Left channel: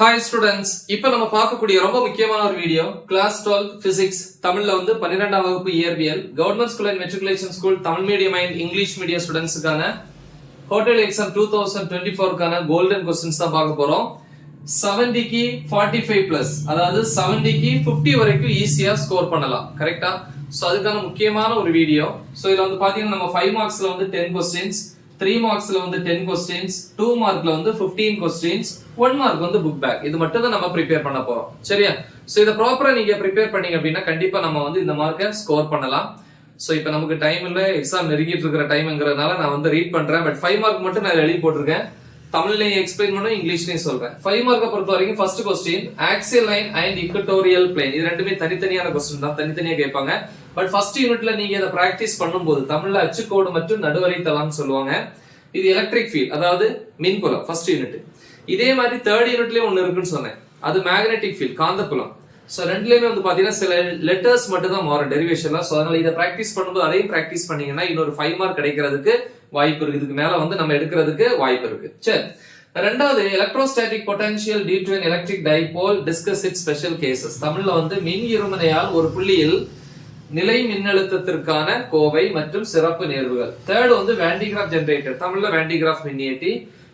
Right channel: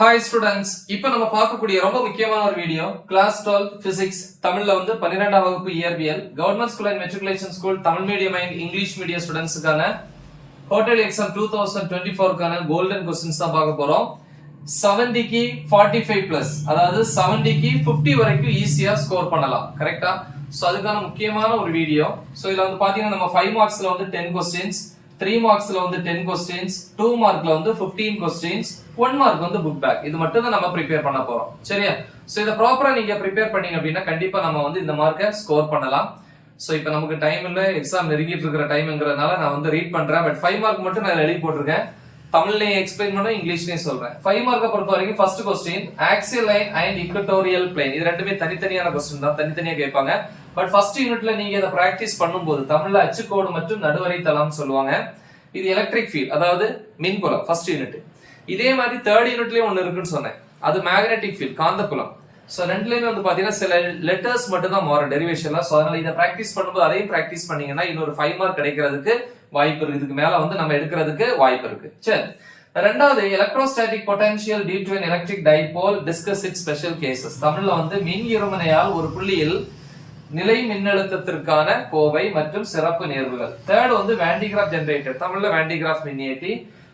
Hi students, இப்போ நம்ம பார்க்கக்கூடிய ரொம்ப முக்கியமான ஒரு வீடியோ கிளாஸ் 12 பிசிக்ஸ் தமிழ்ல 12ஆம் வகுப்பு இயற்பியல் government school and matriculation school Tamil medium and English medium ஸ்டூடெண்ட்ஸ்க்கான ஹோட்டல் எக்ஸாம் 2024க்கான கோல்டன் கொஸ்டின்ஸ் தான் பார்க்க போறோம். 70க்கு 45 பிளஸ், அதாவது 70க்கு 50 வரைக்கும் ஈஸியா ஸ்கோர் பண்ணலாம். கரெக்டா? சோ அதுக்கான முக்கியமான ஒரு வீடியோ. சோ இதுல பாத்தீங்கன்னா நம்ம 5 மார்க்ஸ்ல 10 கொஸ்டின்ஸ், 3 மார்க்ஸ்ல 10 கொஸ்டின்ஸ், 2 மார்க்ல 15 கொஸ்டின்ஸ், 1 மார்க் புக் பேக். இது மட்டும் தான் நம்ம ப்ரிப்பேர் பண்ண போறோம். சரியா? சோ இத ப்ராப்பரா நீங்க ப்ரிப்பேர் பண்ணீங்க அப்படின்னா கண்டிப்பா நம்ம இந்த மார்க்கை ஸ்கோர் பண்ணலாம். சோ இப்போ நமக்கு டைம் இல்ல, எக்ஸாம் நெருங்கிட்டு இருக்கிற டைம்ங்கறதுனால நான் ரீட் பண்றேன். பட் 5 மார்க் மட்டும் நான் எழுதி போட்டுருக்கேன். தமிழ்லயும் எக்ஸ்பிளைன் பண்ணுவேன், இங்கிலீஷ்லயும் சொல்றேன். 5 மார்க்கை பொறுத்த வரைக்கும் first question axial line and equatorial plane. இது ரெண்டுமே தனித்தனியான கொஸ்டின் தான், தனித்தனியா கேட்பாங்க. பட் ஃபர்ஸ்ட் யூனிட்ல நீங்க இதை பிராக்டிஸ் பண்ணும்போது தமிழ்ல அச்சுக்கோடு மற்றும் நடுவரை தளம் சொல்லுவாங்க. இது எலக்ட்ரிக் ஃபீல்ட், அதாவது மின்புலம் ஃபர்ஸ்ட் யூனிட். இதே மாதிரி தேர்ட் யூனிட்லயும் ஒன்னு இருக்குன்னு சொன்னேன், அது மேக்னெட்டிக் ஃபீல்ட், காந்தப்புலம். சோ ரெண்டுலயுமே பாத்தீங்கன்னா சில லெட்டர்ஸ் மட்டும் தான் மாறும் டெரிவேஷன்ல. சோ அதனால இதை பிராக்டிஸ் பண்ணும்போது அதையும் பிராக்டிஸ் பண்ணீங்கன்னா இன்னொரு 5 மார்க் கிடைக்கிறதுக்கு வாய்ப்பு இருக்கு. இதுக்கு மேல நம்ம எடுக்கிறதுக்கு வாய்ப்பு இருக்கு. சரி, ரெண்டாவது electrostatic potential due to an electric dipole, discuss its special cases. தமிழ்ல மின் இருமுனையால் ஒரு புள்ளியில் நிலை மின்னழுத்தத்திற்கான கோவை மற்றும் சிறப்பு நேர்வுகள். தேர்ட் வேண்டிகிராஃப் ஜெனரேட்டர், தமிழ்ல வேண்டிகிராஃப் மின்னியற்றி.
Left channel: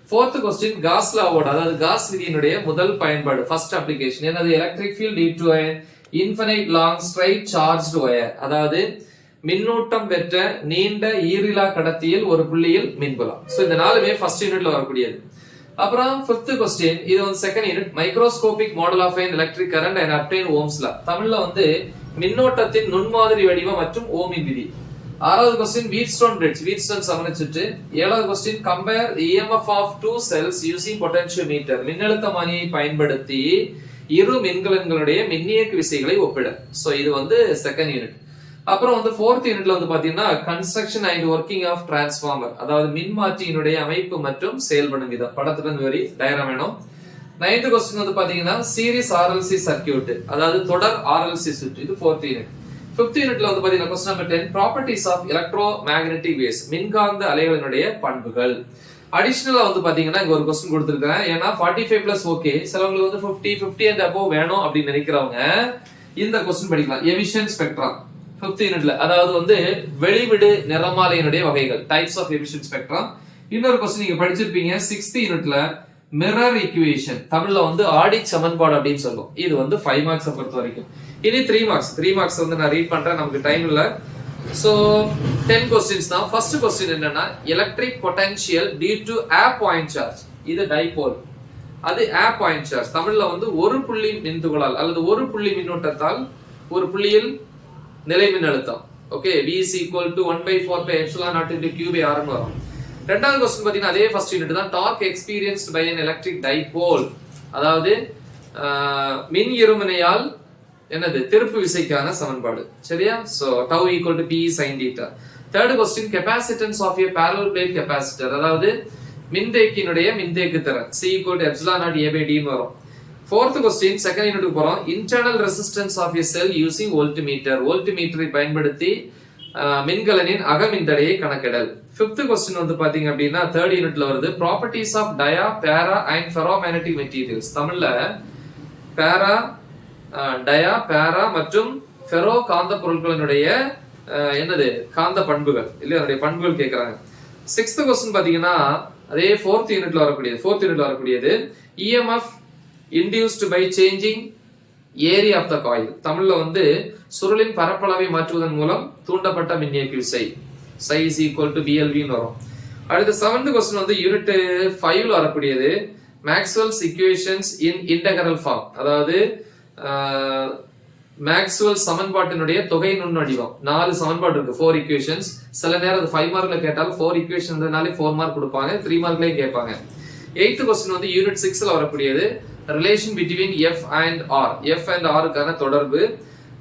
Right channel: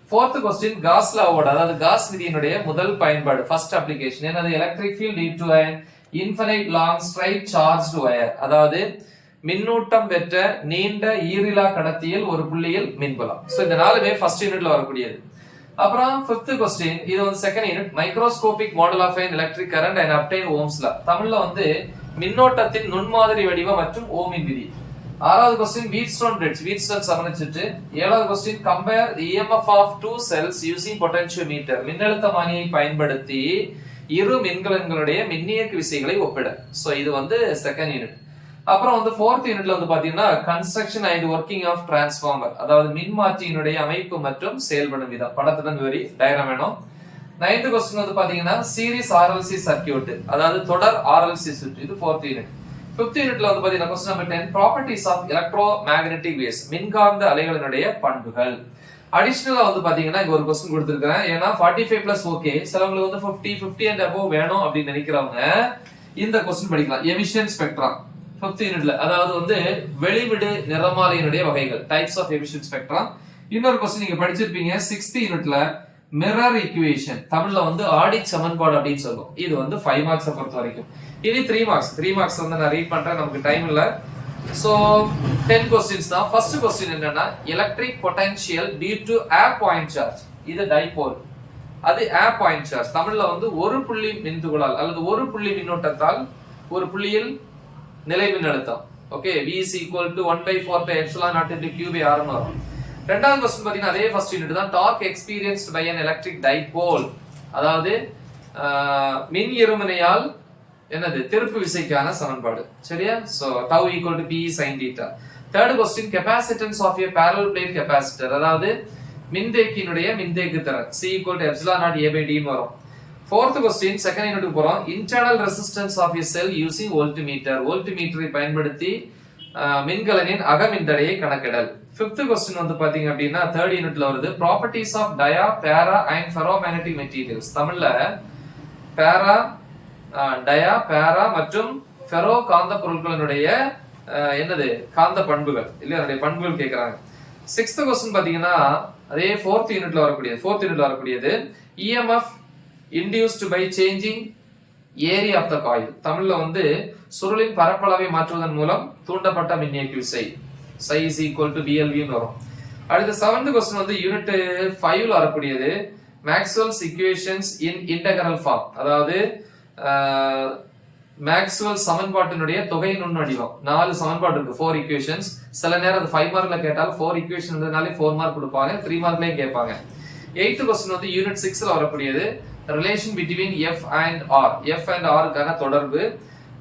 ஃபோர்த் கொஸ்டின் காஸ் லாவோட, அதாவது காஸ் விதியினுடைய முதல் பயன்பாடு, ஃபர்ஸ்ட் அப்ளிகேஷன் என்னது? Electric field due to an infinite long straight charged wire, அதாவது மின்னூட்டம் பெற்ற நீண்ட ஈரிலா கடத்தியில் ஒரு புள்ளியில் மின்புலம். சோ இந்த நாலுமே ஃபர்ஸ்ட் யூனிட்ல வரக்கூடியது. அப்புறம் ஃபிஃப்த் கொஸ்டின், இது second unit, microscopic model of an electric current and obtain Ohm's law. தமிழ்ல மின்னோட்டத்தின் நுண்மாதிரி வடிவம் மற்றும் ஓமின் விதி. ஆறாவது கொஸ்டின் வீட்ஸ்டோன் பிரிட்ஜ், வீட்ஸ்டோன் சமன்பாடு. ஏழாவது question compare EMF of two cells using potentiometer, மின்னழுத்தமானியை பயன்படுத்தி இரு மின்கலன்களுடைய மின்னியக்கு விசைகளை ஒப்பிட. சோ இது செகண்ட் யூனிட். அப்புறம் ஃபோர்த் யூனிட்ல பாத்தீங்கன்னா construction and working of transformer, அதாவது மின்மாற்றியினுடைய அமைப்பு மற்றும் செயல்படும் விதம். படத்துடன் வரி டயக்ராம் வேணும். 9th கொஸ்டின் பாத்தீங்கன்னா சீரிஸ் RLC சர்க்யூட், அதாவது தொடர் RLC சுற்று. இது 4th யூனிட். 5th யூனிட்ல பாத்தீங்கன்னா question number 10 properties of electromagnetic waves, மின்காந்த அலைகளினுடைய பண்புகள். அடிஷனலா பாத்தீங்கன்னா இங்க ஒரு கொஸ்டின் கொடுத்திருக்கேன். ஏன்னா 45 பிளஸ் ஓகே, சிலவங்களுக்கு 50 and above வேணும் அப்படின்னு நினைக்கிறவங்க இந்த கொஸ்டின் படிக்கலாம். எமிஷன் ஸ்பெக்ட்ரம் 5th யூனிட்ல, அதாவது வெளிவிடு நிறமாலையினுடைய வகைகள், டைப்ஸ் ஆஃப் எமிஷன் ஸ்பெக்ட்ரம். இன்னொரு கொஸ்டின் நீங்க படிச்சிருப்பீங்க 6th யூனிட்ல, மிரர் ஈக்குவேஷன், தமிழ்ல ஆடி சமன்பாடு அப்படின்னு சொல்லும். இது 5 மார்க்ஸ் பொறுத்த வரைக்கும். இனி 3 மார்க்ஸ் நான் ரீட் பண்றேன், நமக்கு டைம் இல்ல. சோ 10 கொஸ்டின்ஸ் தான். ஃபர்ஸ்ட் கொஸ்டின் என்னன்னா electric potential due to a point charge. இது டைபோல், அது a பாயிண்ட் சார்ஜ். தமிழ்ல ஒரு புள்ளி மின்துகளால் அல்லது ஒரு புள்ளி மின்னோட்டத்தால் ஒரு புள்ளியில் நிலை மின்னழுத்தம். Okay, V is equal to 1/4 pi epsilon naught into Q by R ன்னு வரும். ரெண்டாவது கொஸ்டின் பாத்தீங்கன்னா அதே ஃபர்ஸ்ட் யூனிட் தான், torque experienced by an electric dipole, அதாவது மின் இருமுனையால் என்னது? திருப்பு விசைக்கான சமன்பாடு. சரியா? So tau equal to P sin theta. Third question capacitance of a parallel plate capacitor, அதாவது மின்தேக்கியினுடைய மின்தேக்கு திறன் C equal to epsilon naught A by D ன்னு வரும். ஃபோர்த் கொஸ்டின் செகண்ட் யூனிட்டுக்கு போறோம். Internal resistance of a cell using voltmeter, வோல்ட்மீட்டரை பயன்படுத்தி மின்கலனின் அகமின்தடையை கணக்கிடல். Fifth question பாத்தீங்க அப்படின்னா தேர்ட் யூனிட்ல வருது, ப்ராப்பர்ட்டிஸ் ஆஃப் டயா, பேரா அண்ட் ஃபெரோமேக்னெட்டிக் மெட்டீரியல்ஸ். தமிழ்ல பேரா, டயா, பேரா மற்றும் ஃபெரோ காந்த பொருட்களினுடைய என்னது? காந்த பண்புகள், இல்ல அதனுடைய பண்புகள் கேட்கறாங்க. சிக்ஸ்த் கொஸ்டின் பாத்தீங்கன்னா அதே ஃபோர்த் யூனிட்ல வரக்கூடியது EMF induced by changing area of the coil. தமிழ்ல சுருளின் பரப்பளவை மாற்றுவதன் மூலம் தூண்டப்பட்ட மின்னியக்கு விசை psi is equal to BLV ன்னு வரும். அடுத்து 7th கொஸ்டின் யூனிட் 5ல வரக்கூடியது மேக்ஸ்வெல்ஸ் ஈக்குவேஷன்ஸ் இன் இன்டெகிரல் ஃபார்ம், அதாவது மேக்ஸ்வெல் சமன்பாட்டினுடைய தொகை நுண்ணடிவம். 4 சமன்பாடு இருக்கு, 4 ஈக்குவேஷன்ஸ். சில நேரம் அது 5 மார்க்ல கேட்டாலும் 4 ஈக்குவேஷன்னாலே 4 மார்க் கொடுப்பாங்க, 3 மார்க்லயே கேட்பாங்க. 8th கொஸ்டின் யூனிட் 6ல வரக்கூடியது relation between F and R, F and R க்கான தொடர்பு.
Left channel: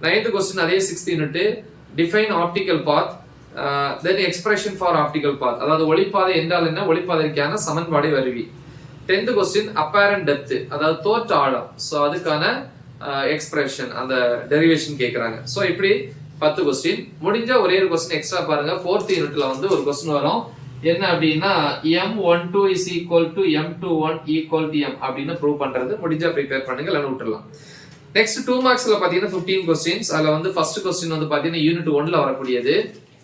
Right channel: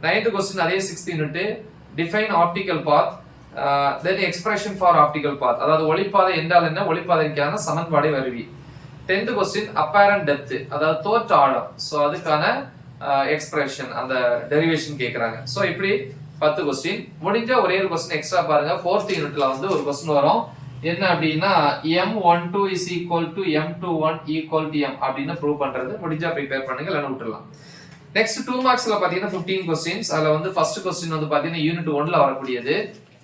9th கொஸ்டின் அதே 6th unit, define optical path, then expression for optical path, அதாவது ஒளிப்பாதை என்றால் என்ன, ஒளிப்பாதைக்கான சமன்பாடை வருவி. 10th கொஸ்டின் அப்பேரண்ட் டெப்த், அதாவது தோற்ற ஆழம். சோ அதுக்கான எக்ஸ்பிரஷன், அந்த டெரிவேஷன் கேக்குறாங்க. சோ இப்படி 10 கொஸ்டின் முடிஞ்ச ஒரே ஒரு கொஸ்டின் எக்ஸ்ட்ரா பாருங்க. 4th யூனிட்ல ஒரு கொஸ்டின் வரும், என்ன அப்படின்னா m12 is equal to m21 equal to m அப்படின்னு ப்ரூவ் பண்றது. முடிஞ்சா ப்ரிப்பேர் பண்ணுங்க, இல்லைன்னா விட்டுறலாம். நெக்ஸ்ட் 2 மார்க்ஸ்ல பாத்தீங்கன்னா 15 கொஸ்டின்ஸ். அதுல வந்து ஃபர்ஸ்ட் கொஸ்டின் வந்து பாத்தீங்கன்னா யூனிட் 1ல வரக்கூடியது.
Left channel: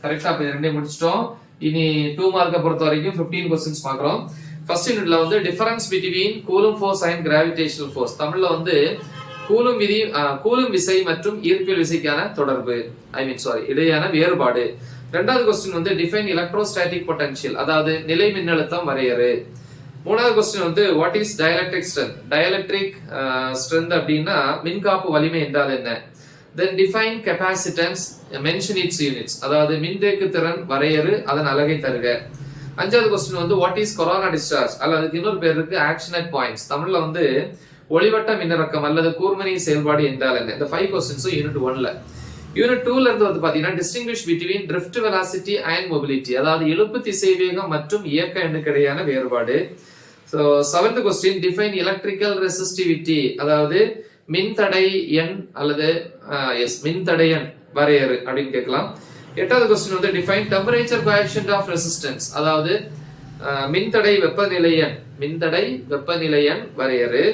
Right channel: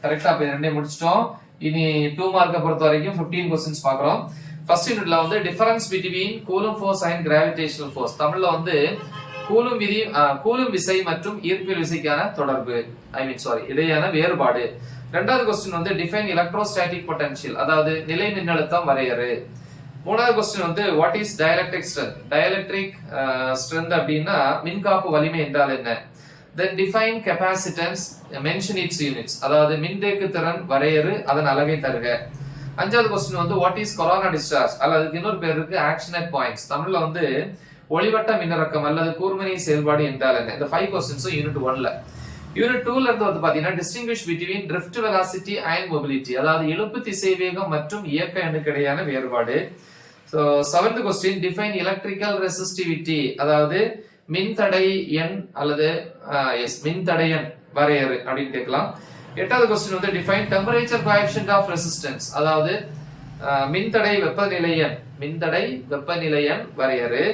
கரெக்டா இப்ப ரெண்டே முடிச்சிட்டோம். இனி 2 மார்க்க பொறுத்த வரைக்கும் 15 கொஸ்டின்ஸ் பாக்குறோம். ஃபர்ஸ்ட் யூனிட்ல வந்து difference between coulomb force and gravitational force. தமிழ்ல வந்து கூலும் விசை மற்றும் ஈர்ப்பியல் விசைக்கான தொடர்பு, இடையான வேறுபாடு. ரெண்டாவது கொஸ்டின் வந்து டிஃபைன் எலக்ட்ரோஸ்டாட்டிக் பொட்டன்ஷியல், அதாவது நிலை மின்னழுத்தம் வரையறு. மூணாவது கொஸ்டின் வந்து what is dielectric strength. Dielectric strength அப்படின்னா மின்காப்பு வலிமை என்றால் என்ன. தென் define capacitance, mention it's units, அதாவது மின்தேக்கு திறன் வரையறு, அதன் அலகை தருக. அஞ்சாவது கொஸ்டின் வந்து வாட் இஸ் கொரோனா டிஸ்சார்ஜ், அல்லது அதுக்கு இன்னொரு பேர் இருக்கு ஆக்ஷனட் பாயிண்ட்ஸ். தமிழ்ல வந்து ஒளிவட்ட மின்னிறக்கம் அல்லது கூர்மணி செயல்பாடு என்றால் என்ன. இந்த 5 கொஸ்டின்ஸும் யூனிட் 1ல. யூனிட் 2ல இருந்து வந்து பாத்தீங்கன்னா distinguish between drift velocity and mobility, அதாவது இழுப்பு திசைவேகம் மற்றும் இயக்க எண்ணுக்கு இடையான வேறுபாடு. So 7th question define electrical resistivity, அதாவது மின்தடை எண் அல்லது மின்தடை எண் வரையறு அப்படின்னு கேட்கலாம். 8வது கொஸ்டின் வந்து define temperature coefficient of resistance, அதாவது மின்தடை வெப்பநிலை எண் வரையறு.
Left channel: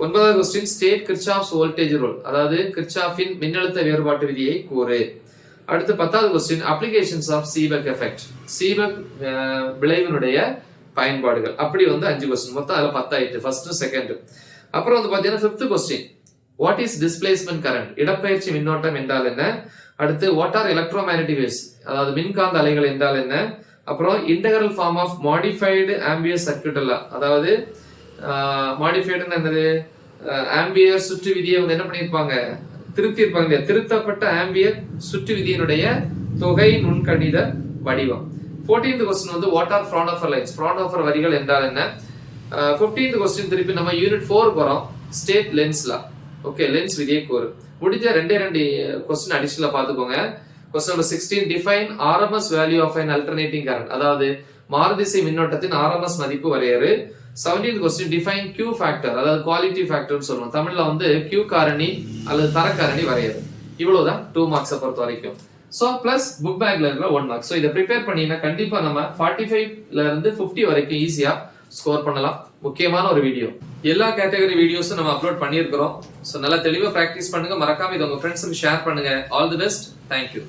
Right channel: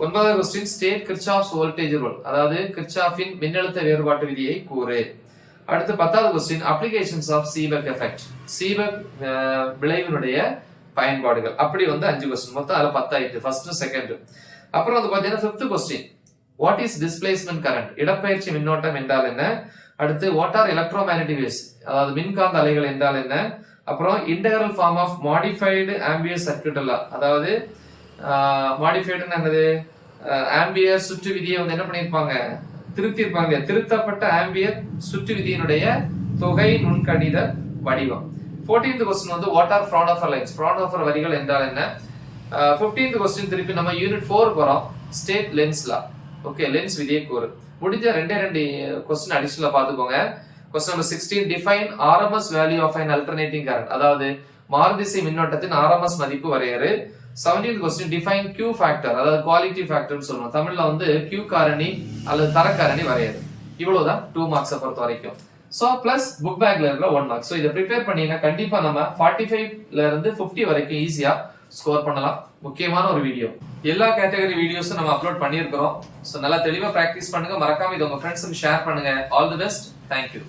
9வது question state Kirchhoff's voltage rule, அதாவது கிர்ச்சாஃபின் மின்னழுத்த வேறுபாட்டு விதியை கூறு. அடுத்து 10வது question applications of Seebeck effect, Seebeck விளைவினுடைய பயன்பாடுகள். அப்படி வந்து 5 கொஸ்டின், மொத்தம் அதுல 10 ஆயிட்டு, ஃபர்ஸ்ட் செகண்ட். அப்புறம் வந்து பாத்தீங்கன்னா 5th question what is displacement current, இடப்பெயர்ச்சி மின்னோட்டம் என்றால் என்ன. அடுத்து வாட் ஆர் எலக்ட்ரோமேக்னெட்டிக் வேவ்ஸ், அதாவது மின்காந்த அலைகள் என்றால் என்ன. அப்புறம் integral form of modified Ampere circuit, அதாவது மாடிஃபைடுன்னு என்னது, ஆம்பியர் சுற்று விதியை வந்து என்ன பண்ணிருப்பாங்க, திருத்திருப்பாங்க. திருத்தப்பட்ட ஆம்பியர் சுற்று விதியினுடைய தொகை நுண்கணித வடிவம். 14th கொஸ்டின் வந்து வாட் ஆர் ஃப்ரான்ஹோஃபர் லைன்ஸ், ஃப்ரான்ஹோஃபர் வரிகள் என்றால் என்ன. 15th கொஸ்டின் திருப்பி நம்ம யூனிட் 4 வரோம், state Lenz law. Okay, Lenz விதியை கூறு. முடிஞ்ச 2 கொஸ்டின் அடிஷனலா பாத்துக்கோங்க. Question number 16 define RMS value of an alternating current, அதாவது மாறுதிசை மின்னோட்டத்தின் ஆர்எம்எஸ் மதிப்பு வரையறு. 17th question define Q factor, அதாவது குவாலிட்டி ஃபேக்டர்னு சொல்லுவோம். தமிழ்ல வந்து Q காரணி அல்லது தர காரணி வரையறு. இவ்வளவுதான் 2 மார்க்ஸை பொறுத்த வரைக்கும். சோ பிளஸ் புக் பேக்ல இருக்கிற 1 மார்க். சோ இதை ப்ரிப்பேர் பண்ணீங்கன்னா கண்டிப்பா நம்ம 45ல இருந்து 50 வரைக்கும் ஈஸியா ஸ்கோர் பண்ணலாம். முக்கியமான ஒரு வீடியோ. எல்லா கேட்டகரி வீடியோஸும் நம்ம அப்லோட் பண்ணியிருக்கிறோம். சோ நல்லா தெளிவா பிராக்டிஸ் பண்ணுங்க. மறக்காம இதை உங்க ஃப்ரெண்ட்ஸுக்கு ஷேர் பண்ணுங்க. All the best. தேங்க்யூ.